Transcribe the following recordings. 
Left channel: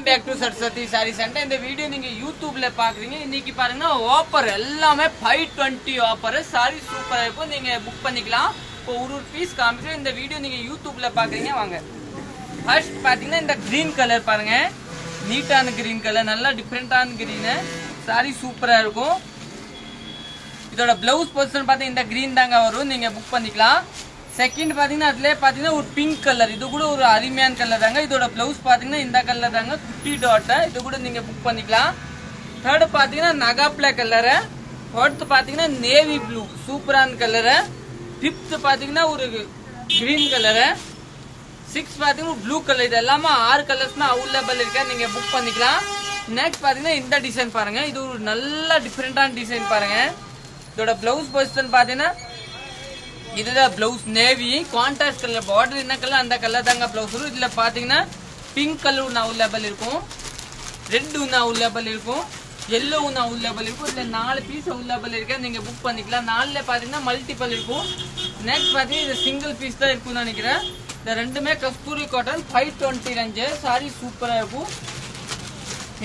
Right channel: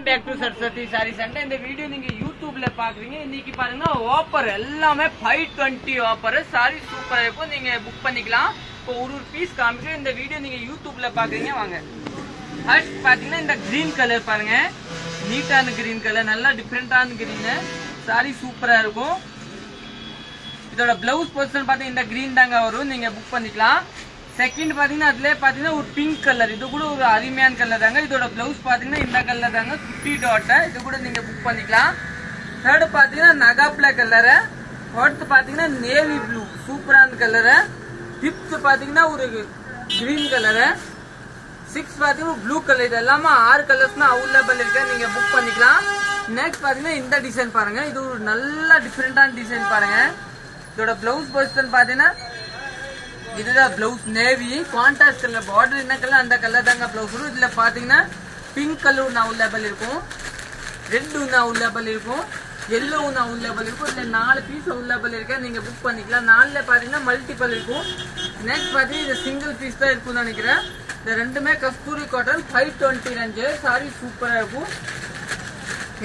Welcome back to Saraswathi sari centre. இந்த video நீங்க யூடியூப்ல பாக்குறீங்க. இன்னைக்கு பாருங்கன்னா ஆஃபர் எல்லாமே 520 ஆஃபர். சாரி சூப்பரா இருக்கும், நீங்க புக் பண்ணிக்கலாம். இப்போ ஒரு பீஸ் காமிச்சு இந்த வீடியோ நீங்க யூடியூப்ல பாக்குறீங்க. வாங்க ஃபர்ஸ்ட் பாத்தீங்கன்னா இந்த கிரீன் கலர் பாருங்க, நீட்டான கிரீன் கலர், நல்லா டிஃபரெண்டான கிரீன். சாரி சூப்பரா இருக்கும். இதோட பிளவுஸ் பொசிஷன் பாத்தீங்கன்னா இந்த கிரீன் தாங்க வரும், நீங்க புக் பண்ணிக்கலாம். செகண்ட் பாத்தீங்கன்னா அதுல பாத்தீங்கன்னா ஒரு பிங்க் கலர், இது கூட ஒரு அருமையான கலர் தாங்க. இதோட பிளவுஸ் பாத்தீங்கன்னா இந்த கலர் தாங்க, குட்டி டாட், இது கூட நீங்க புக் பண்ணிக்கலாம். தேர்ட் பாத்தீங்கன்னா நகாப்ல கலர். ஃபோர்த் பாத்தீங்கன்னா நேவி ப்ளூ, சூப்பரான கலர். ஃபிஃப்த் பாத்தீங்கன்னா ஒரு கிரீன் கலர். சிக்ஸ் பாத்தீங்கன்னா ப்ளூ கலர். இது எல்லாமே 6 கலர்ஸ் அவைலபிள் இருக்கா, நீங்க புக் பண்ணிக்கலாம். நெக்ஸ்ட் பாத்தீங்கன்னா இந்த டிசைன் பாருங்க, இது ஒரு நல்ல டிஃபரெண்டான டிசைன் பாருங்க. இதோட பிளவுஸ் பொசிஷன் பாத்தீங்கன்னா இதுதான் blouse, navy contrast colour, border என்ன கலர் அந்த கலர் தாங்க பிளவுஸ் வரும். இதுல பாத்தீங்கன்னா பிங்க் கலர் ஒன்று அவைலபிள் இருக்கும், ரெட் ஒன்று அவைலபிள் இருக்கும், எல்லோ ஒன்று அவைலபிள் இருக்கும். இதுல 4 பீஸ் அவைலபிள் இருக்கா, நீங்க புக் பண்ணிக்கலாம். 4ல பாத்தீங்கன்னா மல்டிபிள் இருக்கும். நெக்ஸ்ட் பாத்தீங்கன்னா இது சிங்கிள் பீஸ் தான் இருக்கும்னு நினைக்கிறேன். இந்த ரெண்டுமே கஸ்தூரி காட்டன் 520 ரேஞ்சு. சாரி சூப்பரா இருக்கும்.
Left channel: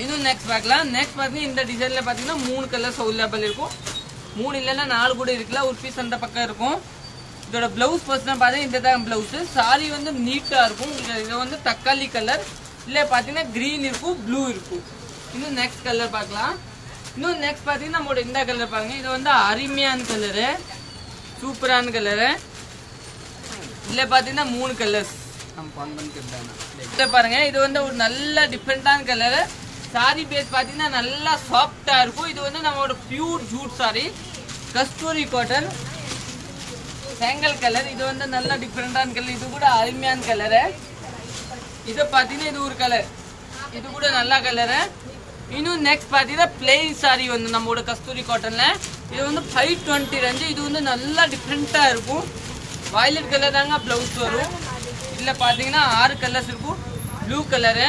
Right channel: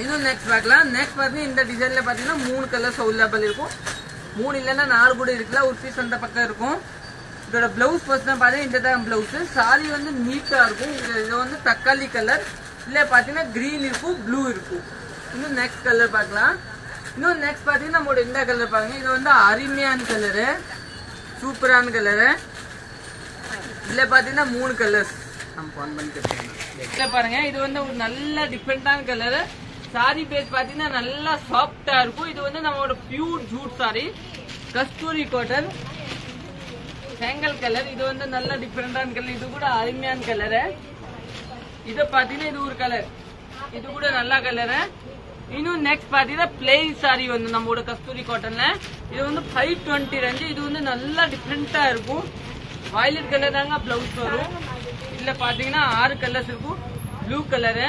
இன்னும் நெக்ஸ்ட் பார்க்கலாம். நெக்ஸ்ட் பாத்தீங்கன்னா இந்த டிசைன்ல பாத்தீங்கன்னா 3 கலர்ஸ் அவைலபிள் இருக்கும். 3 இல்லைன்னா 4 கூட இருக்குல்ல, ஒரு பீஸ் அந்த பக்கம் இருக்கும். இதோட பிளவுஸ் பர்சன் பாத்தீங்கன்னா இந்த தான் பிளவுஸ். சாரி வந்து நீட்டா இருக்கும். இது வந்து தக்காளி கலர், இல்ல பாத்தீங்கன்னா கிரீன் இருக்கும், ப்ளூ இருக்கும். இன்னும் நெக்ஸ்ட் கலர் பார்க்கலாம். இன்னும் நெக்ஸ்ட் பாத்தீங்கன்னா நம்மளோட இந்த கலர் பாருங்க, இது வந்து அருமையான கலரு, சூப்பரான கலரு. இதுல பாத்தீங்கன்னா 3 கலர்ஸ் பாருங்க. இது வந்து ஒரு நல்ல டிஃபரெண்டான கலரு. சாரி பேஸ் பாத்தீங்கன்னா நல்லா சாஃப்டா இருக்கும். இது வந்து நம்மளோட பியூர் ஜூட் சாரி, கஸ்தூரி காட்டன், செங்கல் கலர். இது வந்து நல்ல டிஃபரெண்டான கலர், இது கூட அருமையான கலரு. இது பாத்தீங்கன்னா இது ஒரு கலர், இது கூட நல்ல கலரு. இன்னும் நெக்ஸ்ட் பாத்தீங்கன்னா பிளெயின் சாரி வந்து நம்மளோட கஸ்தூரி காட்டன்ல, இது வந்து 520 ரேஞ்சு. இது வந்து நல்லா டிஃபரெண்டா இருக்கும். வயலட் கலர் தாங்க பிளவுஸ் வரும். இதுல பாத்தீங்கன்னா 6 கலர்ஸ் இருக்கும். Blue colour,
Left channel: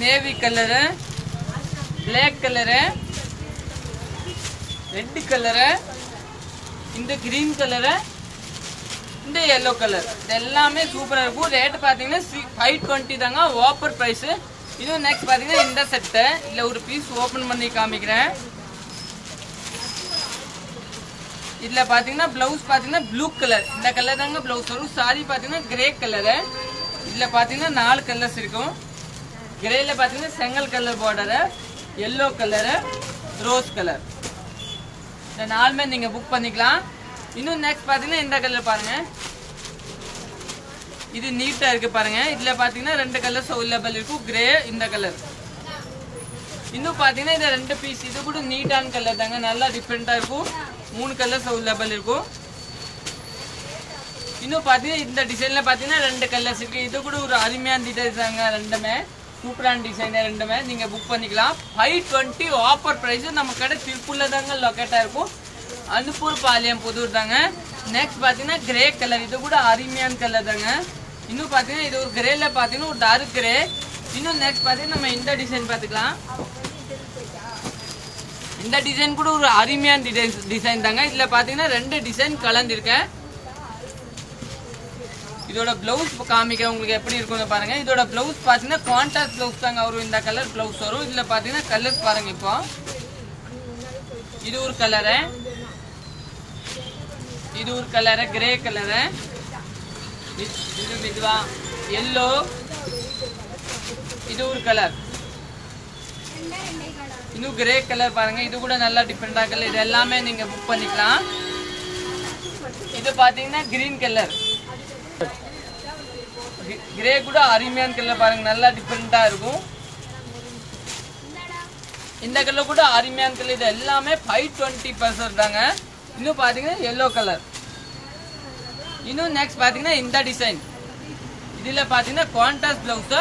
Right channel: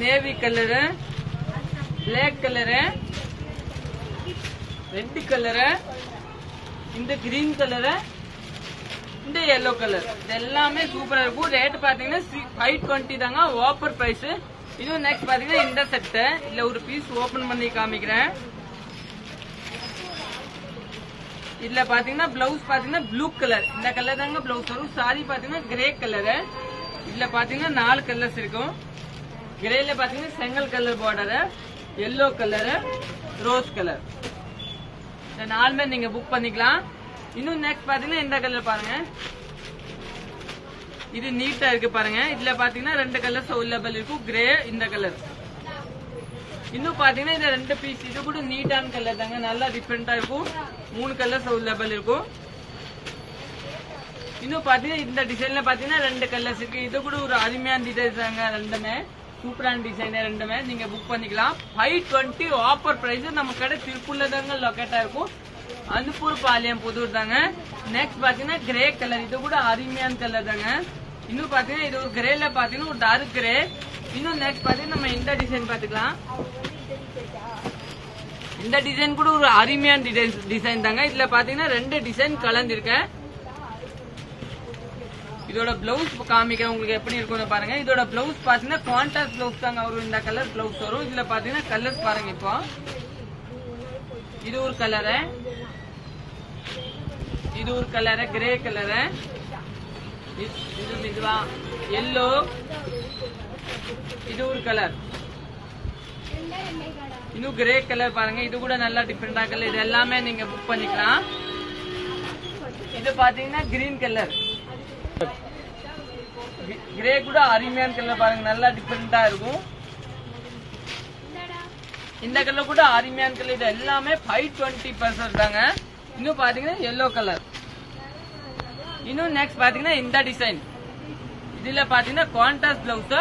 navy colour, black colour, red colour, இந்த கிரீன் கலரு, இந்த எல்லோ கலர். இது எல்லாமே சூப்பரா இருக்கும். ரேட் பாத்தீங்கன்னா 520 தாங்க, ஆஃபர் பிரைஸ். இதுவும் நெக்ஸ்ட் பாத்தீங்கன்னா இந்த செட்டை இல்ல ஒரு பீஸ் ஓபன் பண்ணி காமிக்கிறேன். இதுல பாத்தீங்கன்னா பிளவுஸ் பாத்தீங்கன்னா ப்ளூ கலர், இந்த கலர் தாங்க பிளவுஸ் வரும். சாரி பாத்தீங்கன்னா கிரே கலரு. இதுல பாத்தீங்கன்னா 4 கலர்ஸ் இருக்கும். கிரேல பாத்தீங்கன்னா செங்கல் colour border, yellow colour, rose colour. இந்த 4மே நீங்க புக் பண்ணிக்கலாம். இன்னும் நெக்ஸ்ட் பாத்தீங்கன்னா இந்த கலர் பாருங்க, இது நீட்டா இருக்கு பாருங்க. இதுல பாத்தீங்கன்னா 2 கலர்ஸ் அவைலபிள் இருக்கும், கிரே, இந்த கலர். இன்னும் பாத்தீங்கன்னா இந்த 2 பீஸ், இது கூட நீட்டான கலர் தாங்க, நல்லா டிஃபரெண்டா இருக்கும். 3 கலர்ஸ் அவைலபிள் இருக்கும். இன்னும் பாத்தீங்கன்னா இந்த டிசைன்ல பாத்தீங்கன்னா 2 கலர்ஸ் இருக்கு. இது கூட ஒரு அருமையான டிசைன் தாங்க, ரெண்டுமே சூப்பரான டிசைன். ரெண்டுமே நீங்க புக் பண்ணிக்கலாம். 520 ஆஃபர் பிரைஸ். நம்ம கடை திருப்பூர்ல தாங்க லொக்கேட்டா இருக்கும், அனுப்பூர் பாளையம் புதூர் தாங்க. நெக்ஸ்ட் பாத்தீங்கன்னா கிரே கலர், இது கூட அருமையான கலர் தாங்க. இன்னும் பாத்தீங்கன்னா இது ஒரு கிரேல பாத்தீங்கன்னா ஒரு டார்க் கிரே. இன்னும் நெக்ஸ்ட் பாத்தீங்கன்னா நம்ம இந்த டிசைன் பாத்துக்கலாம். இந்த டிசைன் கூட ஒரு அருமையான டிசைன் தாங்க. இதுல பாத்தீங்கன்னா 2 டிசைன் கலந்துருக்கு. இதோட பிளவுஸ் காமிக்க உங்களுக்கு எப்படி இருக்கும்னு பாருங்க. இதோட பிளவுஸ் பாத்தீங்கன்னா கான்ட்ராஸ்ட் பிளவுஸ் தாங்க வரும், இந்த கலர் பிளவுஸ் வரும். இதுல பாத்தீங்கன்னா கலர்ஸ் பாருங்க. இப்போ இது ஒரு கலரு, இது ஒரு கலரு கிரே கலரு, இதுவா எல்லோ, இது ஒரு கலர், இன்னும் கிரே கலர் பாருங்க. இது கூட நல்லா டிஃபரெண்டா கலர். இது எல்லாமே நீங்க புக் பண்ணிக்கலாம். இது பாத்தீங்கன்னா கிரீன் கலர், கிரே கூட அருமையான கலர் பாருங்க, நல்லா டிஃபரெண்டா இருக்கும். இந்த கலர் கூட அருமையான கலர். இது எல்லாமே 520% தாங்க. இன்னும் பாத்தீங்கன்னா எல்லோ கலர். இன்னும் நெக்ஸ்ட் பாத்தீங்கன்னா இந்த டிசைன். இதுல பாத்தீங்கன்னா கான்ட்ராஸ்ட் பிளவுஸ்,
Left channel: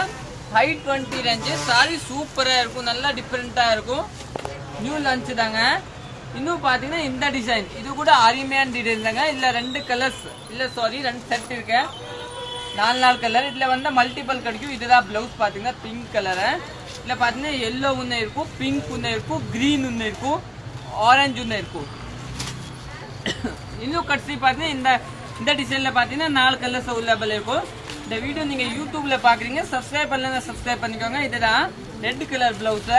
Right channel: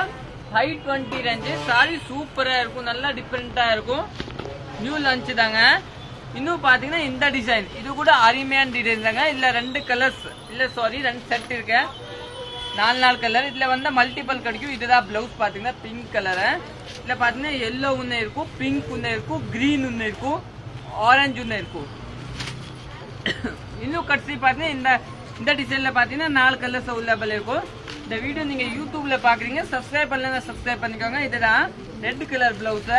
520 ரேஞ்சு. சாரி சூப்பரா இருக்கும், நல்லா டிஃபரெண்டா இருக்கும். நியூ லான்ச் தாங்க. இன்னும் பாத்தீங்கன்னா இந்த டிசைன், இது கூட அருமையான டிசைன் தாங்க. இதுல 2 கலர்ஸ் இல்ல சாரி 2 செட் இருக்கு, 4 கலர். இதுல வந்து மல்டிபிள் கிடைக்கும். இதுதான் பிளவுஸ் பாத்தீங்கன்னா பிங்க் கலரு. இதுல பாத்தீங்கன்னா எல்லோ ஒண்ணு இருக்கும், பிங்க் ஒண்ணு இருக்கும், கிரீன் ஒண்ணு இருக்கும், ஆரஞ்சு ஒண்ணு இருக்கும். இன்னும் கட்சி பாத்தீங்கன்னா இந்த டிசைன்ல பாத்தீங்கன்னா 4 கலர்ஸ் அவைலபிள் இருக்கும். இந்த வீடியோ நீங்க யூடியூப்ல பாக்குறீங்க, சப்ஸ்கிரைப் பண்ணலன்னா சப்ஸ்கிரைப் பண்ணிக்கோங்க. இதுதான் ரெட் கலர் பிளவுஸ்.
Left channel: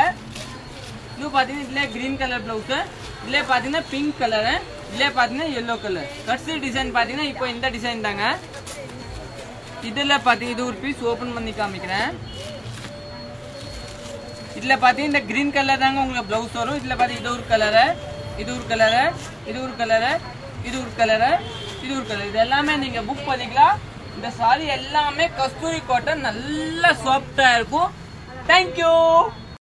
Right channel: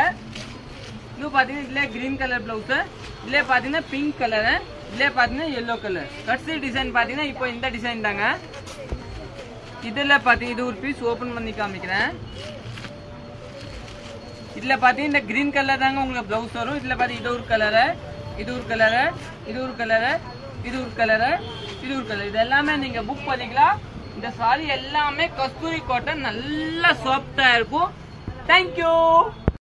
இது பாத்தீங்கன்னா இதுல கிரீன் கலர் பிளவுஸ், இதுல பாத்தீங்கன்னா பிங்க் கலர், இதுல பாத்தீங்கன்னா yellow கலர். கட்சி டிசைன் பாத்தீங்கன்னா இப்போ இந்த டிசைன் தாங்க. இதுல பாத்தீங்கன்னா இது ஒரு பீஸ் ஓபன் பண்ணி காமிக்கிறேன். இதுல பாத்தீங்கன்னா இந்த கிரீன் கலர் தாங்க உங்களுக்கு பிளவுஸ் வரும். இதுல பாத்தீங்கன்னா இது ஒரு கலர், இது ஒரு கலர், இது ஒரு கலர், இது ஒரு கலர், இது ஒரு கலர். இது எல்லாமே நீங்க புக் பண்ணிக்கலாம். இந்த சாரி எல்லாமே கஸ்தூரி காட்டன், நல்லா சாஃப்டா இருக்கும். தேங்க்யூ.